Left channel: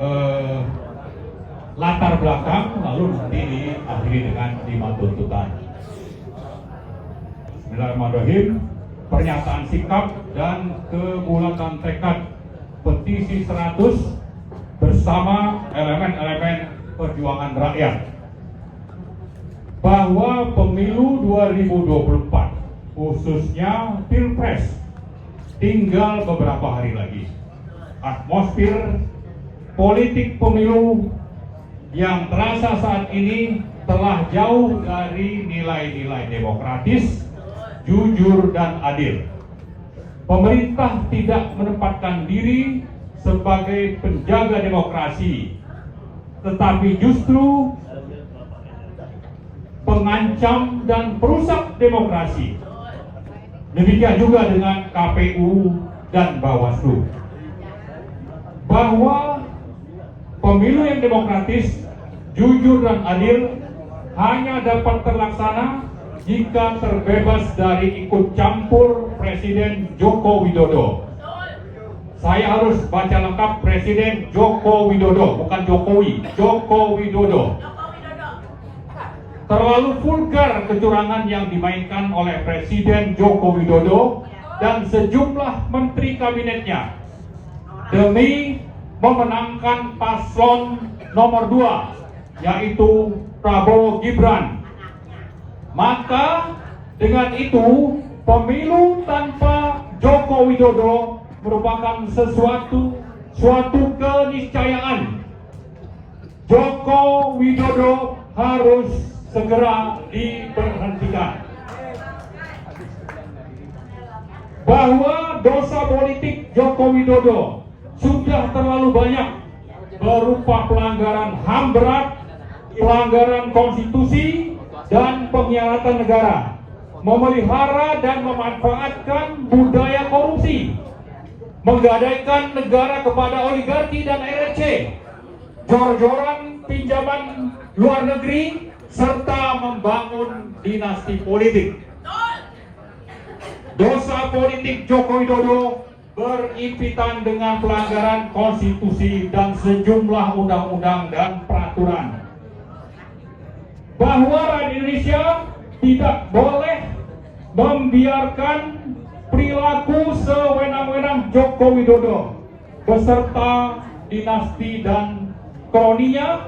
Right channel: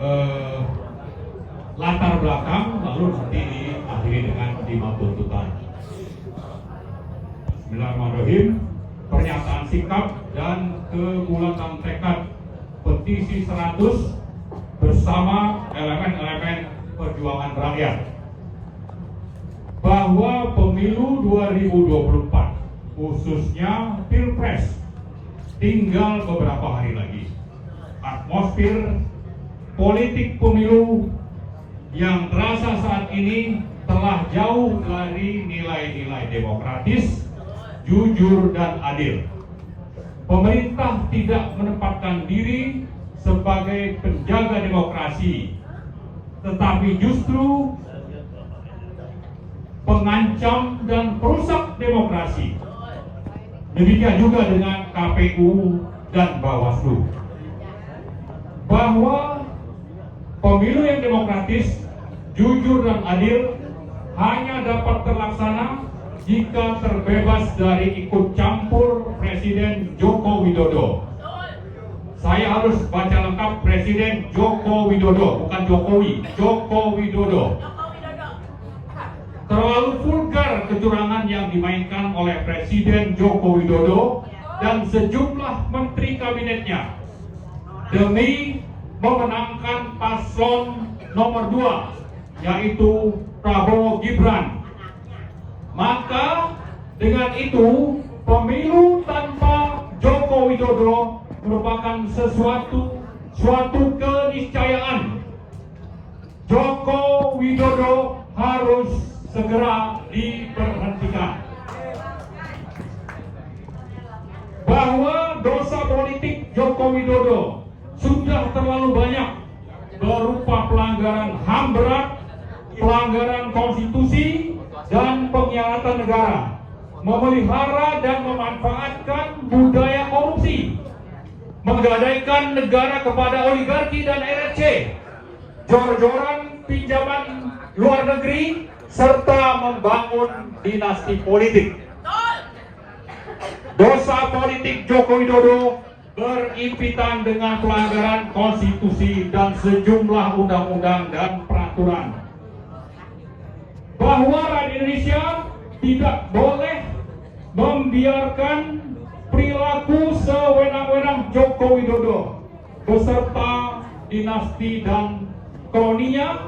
eh, latar belakang, lalu nanti diakhiri dengan 5 tuntutan. Bismillahirrahmanirrahim. Pernyataan sikap dan kebulatan tekad petisi 100 bersama elemen-elemen perjuangan rakyat bahwa pemilu 2024 khususnya Pilpres tinggal beberapa hari lagi. Atmosfer politik pemilu yang terasa saat ini telah jauh dari nilai-nilai demokratis, jujur dan adil. Pemerintah tidak menempatkan diri sebagai penjaga demokrasi, tetapi justru pengancam dan perusak demokrasi. Demikian juga dengan KPU dan Bawaslu. Bahwa pemilu yang demokratis, jujur dan adil hanya dapat terlaksana jika terbebas dari ikut campur Presiden Joko Widodo. Saya harus baca lengkap, Presiden Joko Widodo, bukan Jokowi, Joko Widodo. Terlalu vulgar kecurangan yang dimainkan oleh Presiden Joko Widodo dan sejumlah menteri kabinetnya demi memenangkan paslon nomor 2, yaitu Prabowo Gibran. Maka dengan itu pemilu tanpa Joko Widodo merupakan suatu keniscayaan. Joko Widodo harus segera diberhentikan. Bahwa dosa politik Joko Widodo sudah terlalu banyak berupa pelanggaran HAM berat, pelanggaran konstitusi, dan pengkhianatan negara, memelihara dan memanfaatkan budaya korupsi, menggadaikan negara kepada oligarki dan RRC, jor-joran pinjaman luar negeri, serta membangun dinasti politik. Dosa politik Joko Widodo berimpitan dengan pelanggaran konstitusi dan sejumlah undang-undang dan peraturan. Bahwa rakyat Indonesia tidak boleh membiarkan perilaku sewenang-wenang Joko Widodo beserta dinasti dan kroninya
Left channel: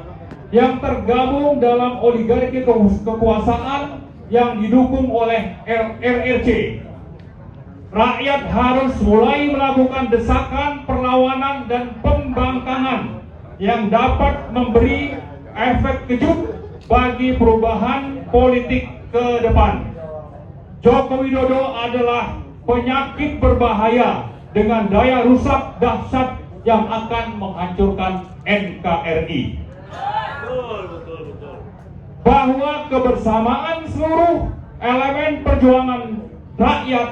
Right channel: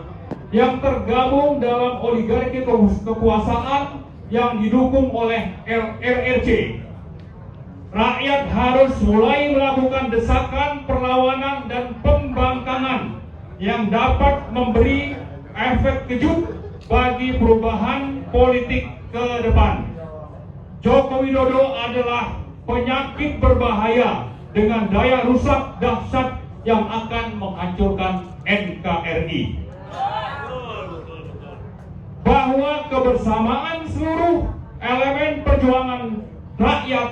yang tergabung dalam oligarki kekuasaan yang didukung oleh RRC. Rakyat harus mulai melakukan desakan, perlawanan, dan pembangkangan yang dapat memberi efek kejut bagi perubahan politik ke depan. Joko Widodo adalah penyakit berbahaya dengan daya rusak dahsyat yang akan menghancurkan NKRI. Bahwa kebersamaan seluruh elemen perjuangan rakyat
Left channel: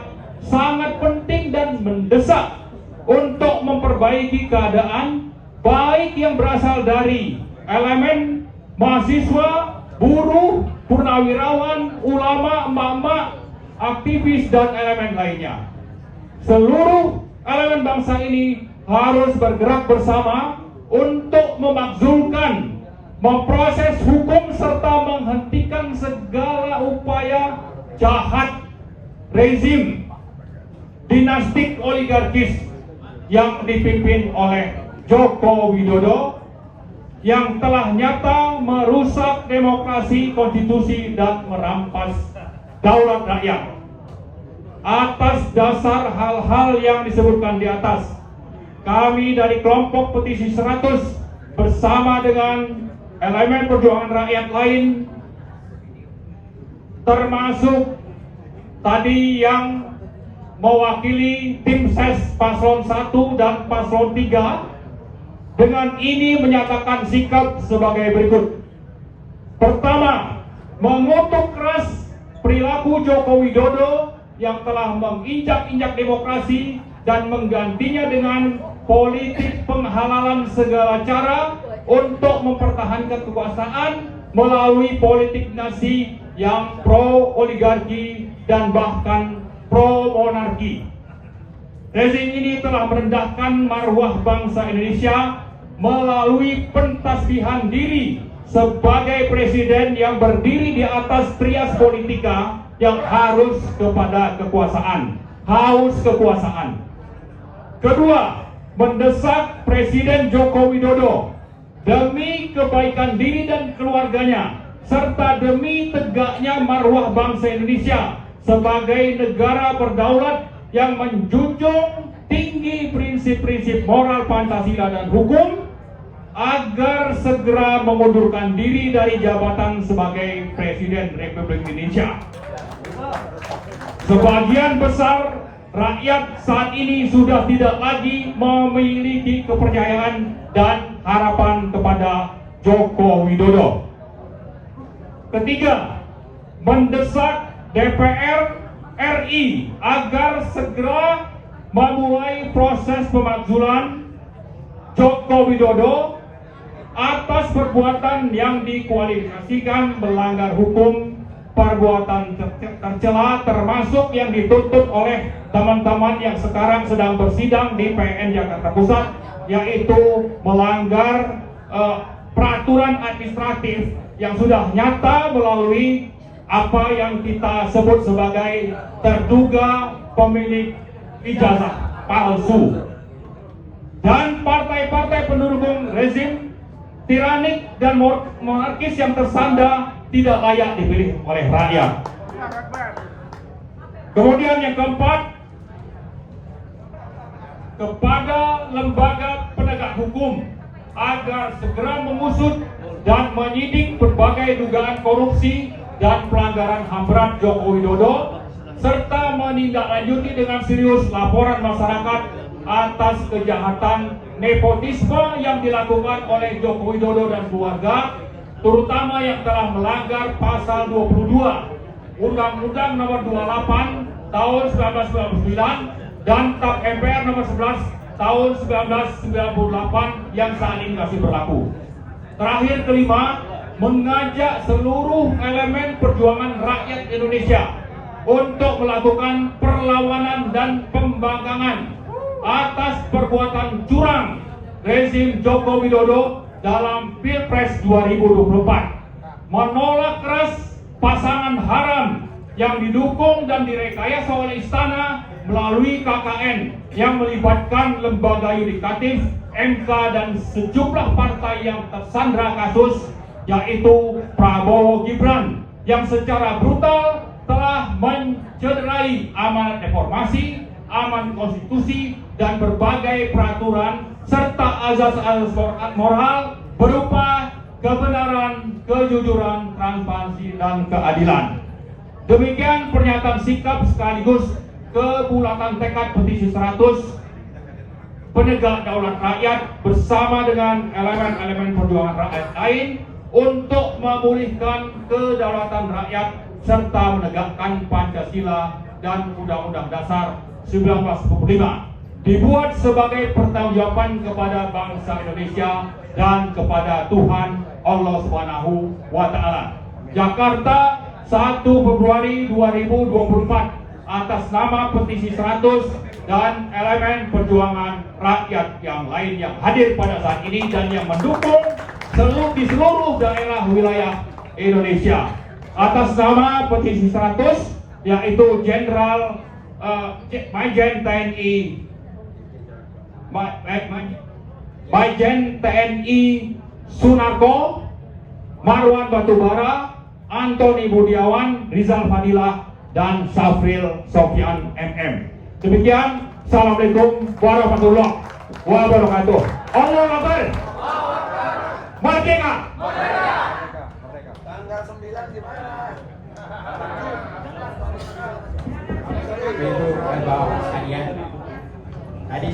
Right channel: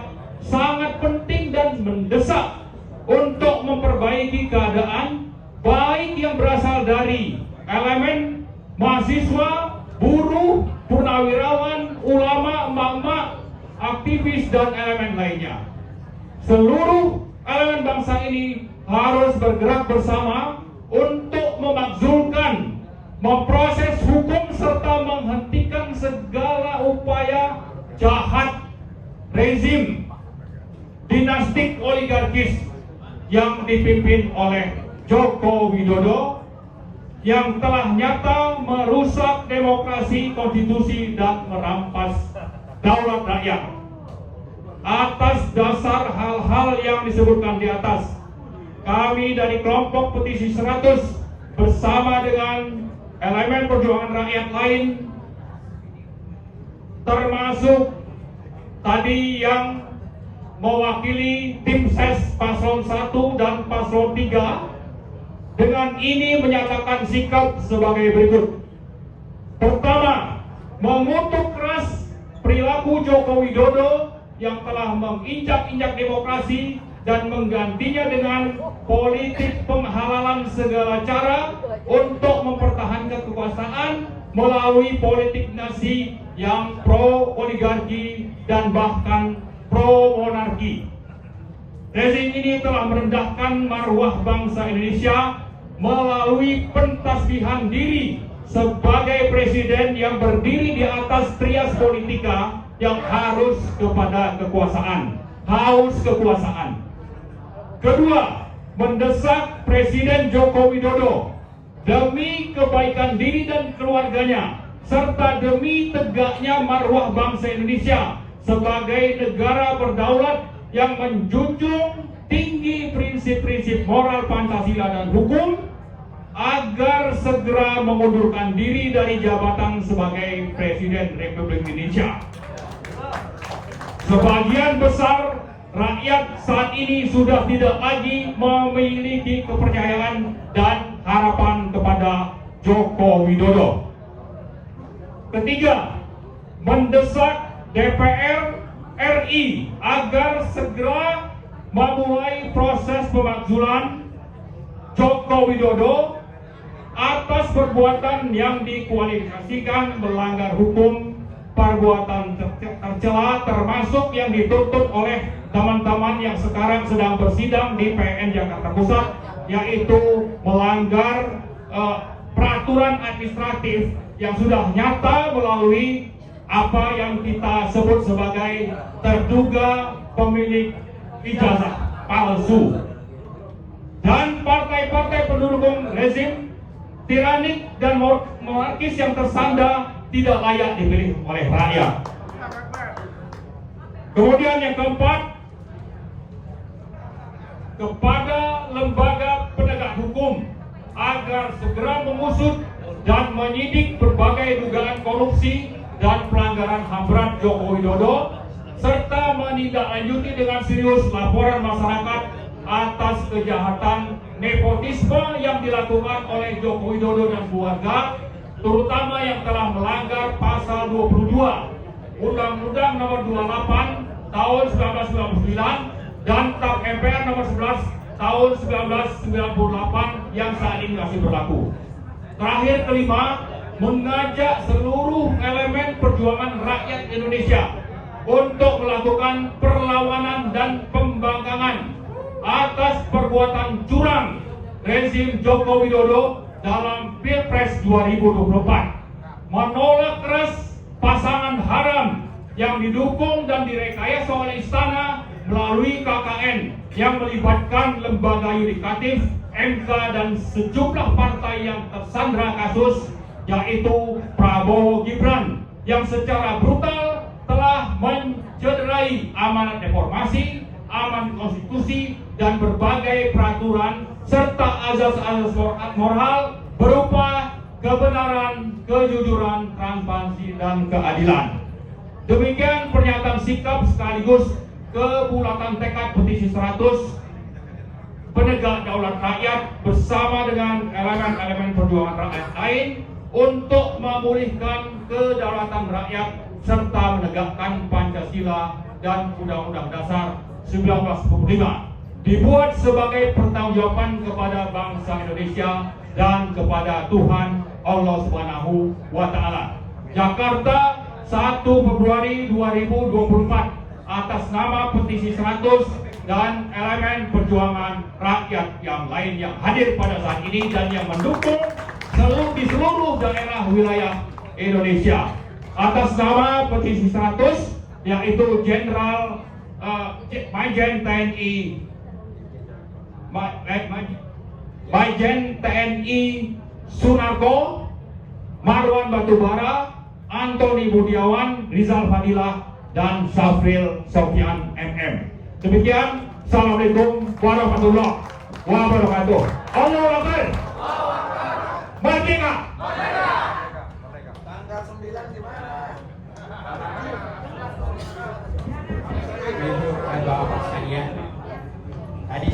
sangat penting dan mendesak untuk memperbaiki keadaan, baik yang berasal dari elemen mahasiswa, buruh, purnawirawan, ulama, emak-emak, aktivis, dan elemen lainnya. Seluruh elemen bangsa ini harus bergerak bersama untuk memakzulkan, memproses hukum, serta menghentikan segala upaya jahat rezim dinastik oligarkis yang dipimpin oleh Joko Widodo yang telah nyata merusak demokrasi, konstitusi, dan merampas daulat rakyat. Atas dasar hal-hal yang disebutkan di atas, kami dari kelompok petisi 100 bersama dengan elemen perjuangan rakyat lain, termasuk tadi yang mewakili tim ses paslon 1 dan paslon 3, dengan ini menyatakan sikap sebagai berikut. Pertama, mengutuk keras perilaku Joko Widodo yang telah menginjak-injak demokrasi dan menggantinya dengan politik penghalalan segala cara untuk mempertahankan kekuasaan melalui politik dinasti yang pro oligarki dan bahkan pro monarki. Rezim ini telah merendahkan marwah bangsa Indonesia melalui pentasbihan diri sebagai presiden yang berdiri di atas trias politika yang harus kepada kekuasaan, haus kekuasaan. Kedua, mendesak Presiden Joko Widodo demi kebaikan diri dan keluarganya serta demi tegaknya marwah bangsa Indonesia sebagai negara berdaulat yang menjunjung tinggi prinsip-prinsip moral Pancasila dan hukum, agar segera mengundurkan diri dari jabatan sebagai Presiden Republik Indonesia. Sebagian besar rakyat saat ini sudah tidak lagi memiliki kepercayaan dan harapan kepada Joko Widodo. Ketiga, mendesak DPR RI agar segera memulai proses pemakzulan Joko Widodo atas perbuatan yang dikualifikasikan melanggar hukum, perbuatan tercela termasuk yang dituntut oleh teman-teman yang sekarang sedang bersidang di PN Jakarta Pusat, yaitu melanggar peraturan administratif yang sudah nyata melalui apa yang kita sebut sebagai terduga pemilik ijazah palsu. Dan partai-partai pendukung rezim tiranik dan monarkis yang tersandra tidak layak dipilih oleh rakyat. Kemudian yang keempat, kepada lembaga penegak hukum agar segera mengusut dan menyidik berbagai dugaan korupsi dan pelanggaran HAM berat Joko Widodo, serta menindaklanjuti dengan serius laporan masyarakat atas kejahatan nepotisme yang dilakukan oleh Joko Widodo dan keluarga, terutama yang telah melanggar pasal 22 Undang-Undang Nomor 28 Tahun 1999 dan TAP MPR Nomor 11 Tahun 1998 yang saat ini masih berlaku. Terakhir, kelima, mengajak seluruh elemen perjuangan rakyat Indonesia untuk melakukan perlawanan dan pembangkangan atas perbuatan curang rezim Joko Widodo dalam Pilpres 2024, menolak keras pasangan haram yang didukung dan direkayasa oleh istana melalui KKN yang melibatkan lembaga yudikatif, MK dan sejumlah partai yang tersandra kasus, yaitu Prabowo Gibran yang secara brutal telah mencederai amanat reformasi, amanat konstitusi dan berbagai peraturan serta azas-azas moral berupa kebenaran, kejujuran, transparansi dan keadilan. Demikian pernyataan sikap sekaligus kebulatan tekad petisi 100 penegak daulat rakyat bersama dengan elemen-elemen perjuangan rakyat lain untuk memulihkan kedaulatan rakyat serta menegakkan Pancasila dan Undang-Undang Dasar 1945, dibuat sebagai pertanggungjawaban kepada bangsa Indonesia dan kepada Tuhan Allah Subhanahu wa Ta'ala. Jakarta, 1 Februari 2024, atas nama petisi 100 dan elemen perjuangan rakyat yang lain yang hadir pada saat ini dan yang mendukung di seluruh daerah wilayah Indonesia. Atas nama petisi 100, yaitu Jenderal Majen TNI Sunarko, Marwan Batubara, Antoni Budiawan, Rizal Fadilah, dan Safril Sofyan MM. Demikian, Assalamualaikum warahmatullahi wabarakatuh. Allahu Akbar. Merdeka. Tanggal 9 gimana? Ibu dan Bapak sekalian, tadi